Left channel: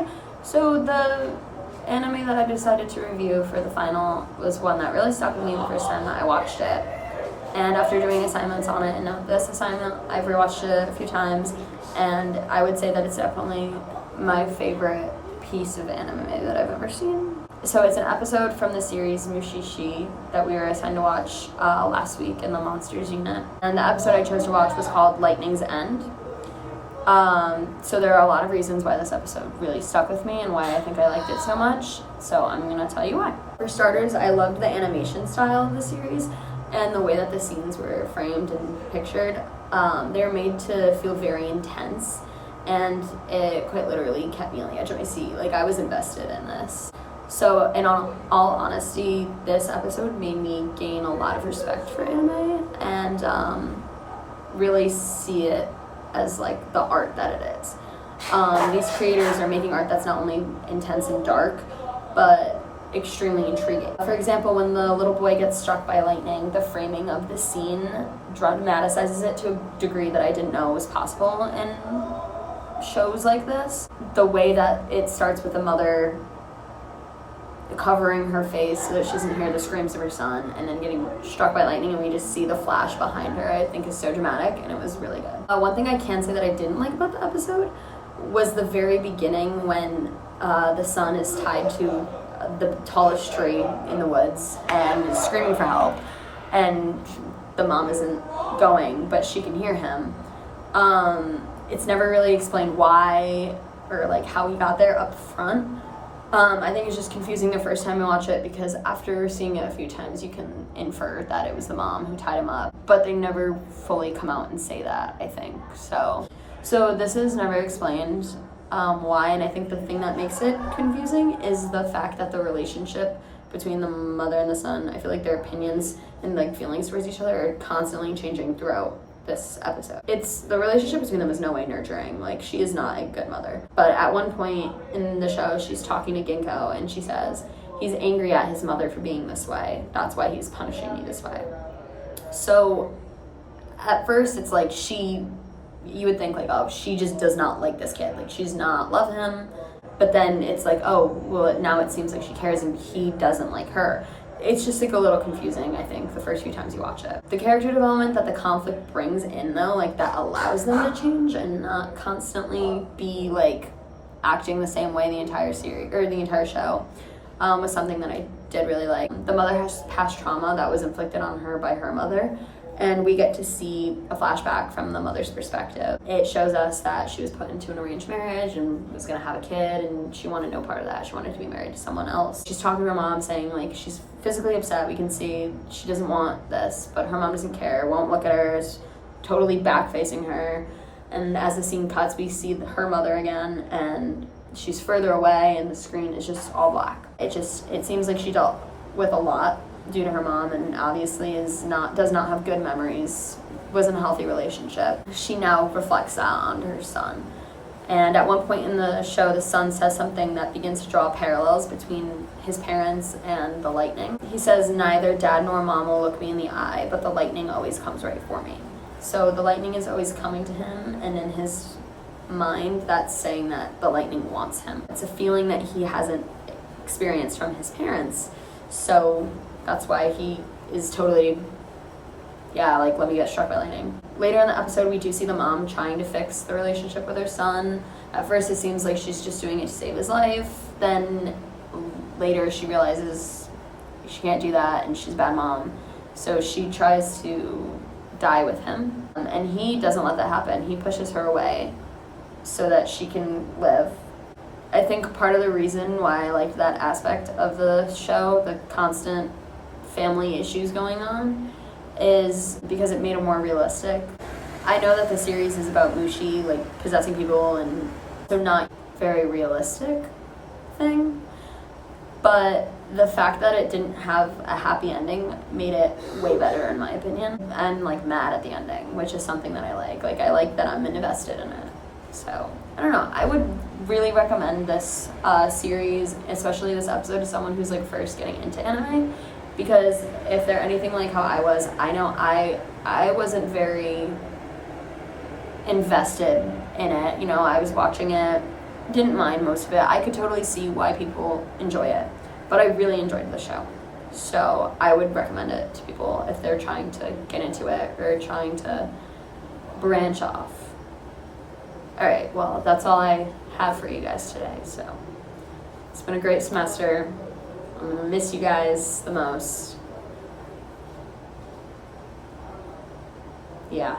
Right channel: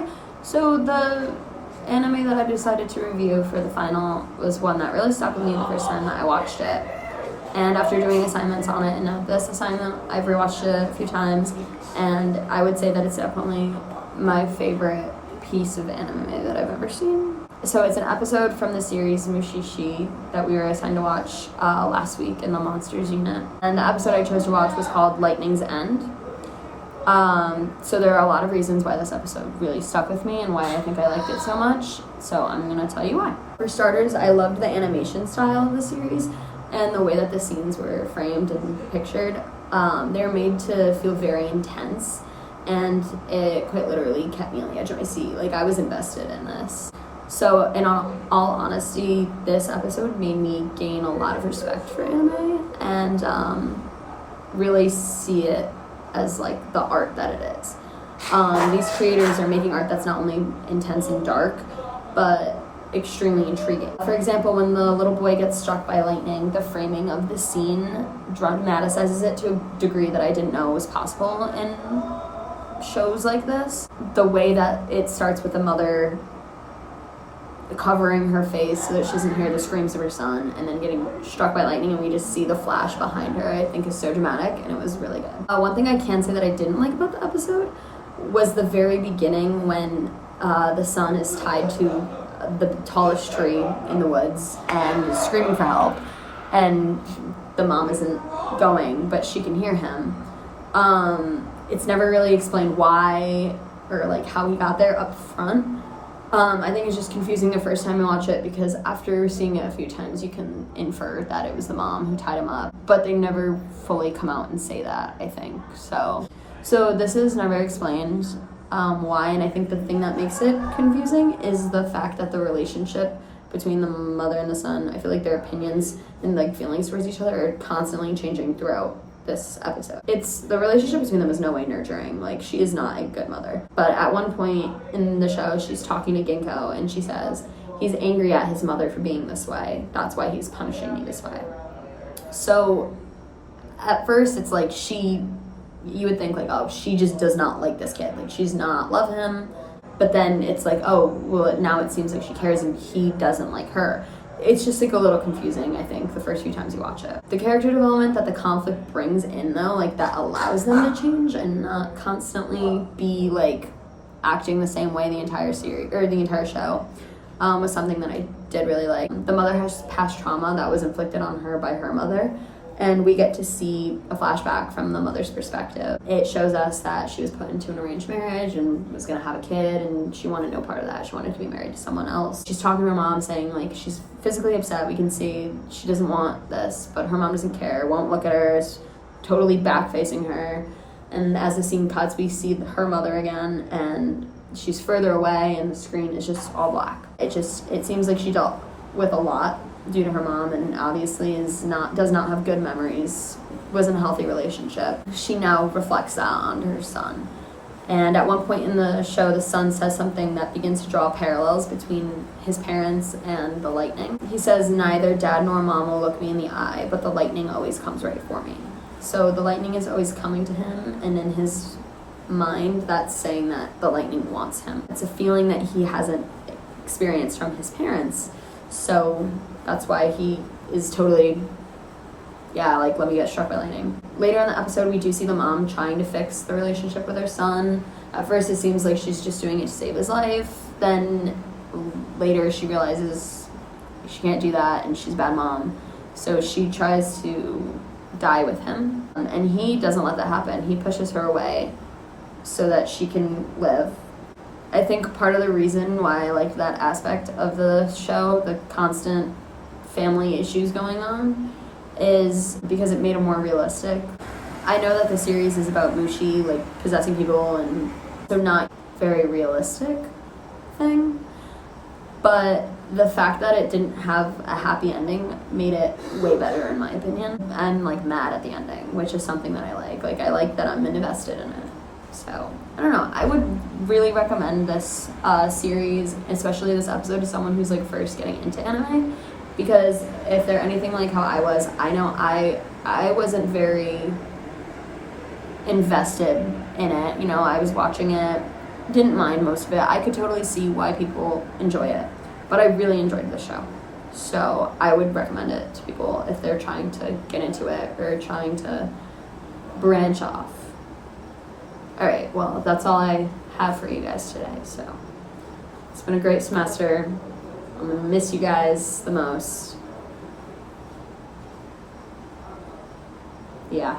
why. So the anime that I decided to review for the final was one that really stuck with me the first time that I watched it. And after doing assignments on it, and now this assignment, I've rewatched it a few times, and I would say that it's definitely my favorite piece of anime that I've ever seen. So it's an episode from the series Mushishi that we were assigned to watch last week in the Monsters unit. And the episode I chose to watch was called Lightning's End. So there are a lot of reasons why this episode really stuck with me and why I think I liked it so much. So I'm gonna tell you why. For starters, I loved the animation style of the series and the way that the scenes were framed and pictured. They're made to feel very intense, and it quite literally kept me on the edge of my seat. Like, I was invested in this. So in all honesty, this episode made me gain a lot of respect for anime and really see it as like the art that it is. These creators are making art that's not only intense and dark, but extremely intriguing. For example, when the little boy gets struck by lightning, the framing of the scene dramatizes it to a degree that I didn't know was possible in shows like this. The way that it starts with the mother covering her face so that she doesn't hear the screams of her son, and then getting struck by lightning and we just see the flash behind her, I think is so dramatic, and it was really good. One thing I can say that I didn't like about the episode was the very beginning when the son is tied to the tallest tree in the woods and is screaming for help, and the mom isn't going, but she can hear him. It's never really explained why or like how he got there up front. I think it's just confusing the first time you watch it, because after seeing it a few times you can infer that it was the mom who tied him up, but they never fully come out and say that, I think. So this is never explained why, and I think the thing that makes it confusing is the fact that the relationship between the mother and the son, I feel like their opinions and like feelings towards each other are constantly changing throughout this episode. The relationship between them is no way nurturing. Like, she is not a good mother. But at one point in the show, she's talking to Ginkgo and she says, he's angry at his mother for being this way. That's why he's punishing me this way. So at first it's like you would think like, oh, she just does not like this kid. Like, she's not love him. But then it's like, oh, well, now it seems like she cares and he doesn't like her. It's just like a little confusing, I think, the first few times you watch it. The character development that the conflict brings in, though, like that allows them to change and not constantly be like acting the same way the entire series or the entire show, was something that I did really like. The mother has past trauma that was inflicted on her by her mother, and we get to see a flashback from the mother's perspective. It shows us that she was put into an arranged marriage and was gonna have a kid, and she wanted no part of that. She wanted to be married to someone else. She's talking to her mom saying like she's physically upset. We can see she doesn't want this, but her mom doesn't care, won't look at her, is totally back facing her. And as the scene cuts, we see her mother again, and she's further away and the screen is just all black. It seems like she dealt with a lot due to her mom, and obviously does not have good memories, was in a healthy relationship. She now reflects that onto her son. And at one point in the show, the son says something that begins to draw parallels between his parents and the lightning. He says, neither dad nor mom will look me in the eye, but the lightning always comes right for me. So the lightning is always coming to him, and in his mind, that's saying that the lightning wants him. It's a feeling that he hasn't experienced from his parents. So that's why he is totally, like, let me get struck by lightning. Later in the episode, we do see the mom trying to fix the relationship with her son. At first, it seems like she's just doing it to save his life. Then later, she realizes she can't do that and she's a bad mom. So she tries to die with him. And he doesn't let that happen. He pushes her away so that she can live. I think part of the reason why I like that aspect of the show, the constant family issues going on, is because it made it more realistic. I know that the series is about Mushi, like, possessing people, and so not very realistic thing, but the fact that it didn't have a happy ending made it way better, in my opinion. I'm like mad at the ending, which is something that I like. Like, I like that I'm invested in it. So, I don't know, I would really recommend this series, especially this episode, to someone who's like first getting into anime, because if they're anything like how I was, I know I wasn't very invested in it. You know, I was watching it didn't mind most of it. I could totally see why people enjoy it, but I really enjoyed the show. So I would recommend it to people if they're trying to get into it or trying to branch off. All right, well, that's all I have for you guys today. So it's been a great semester. I'm gonna miss you guys the most. Yeah.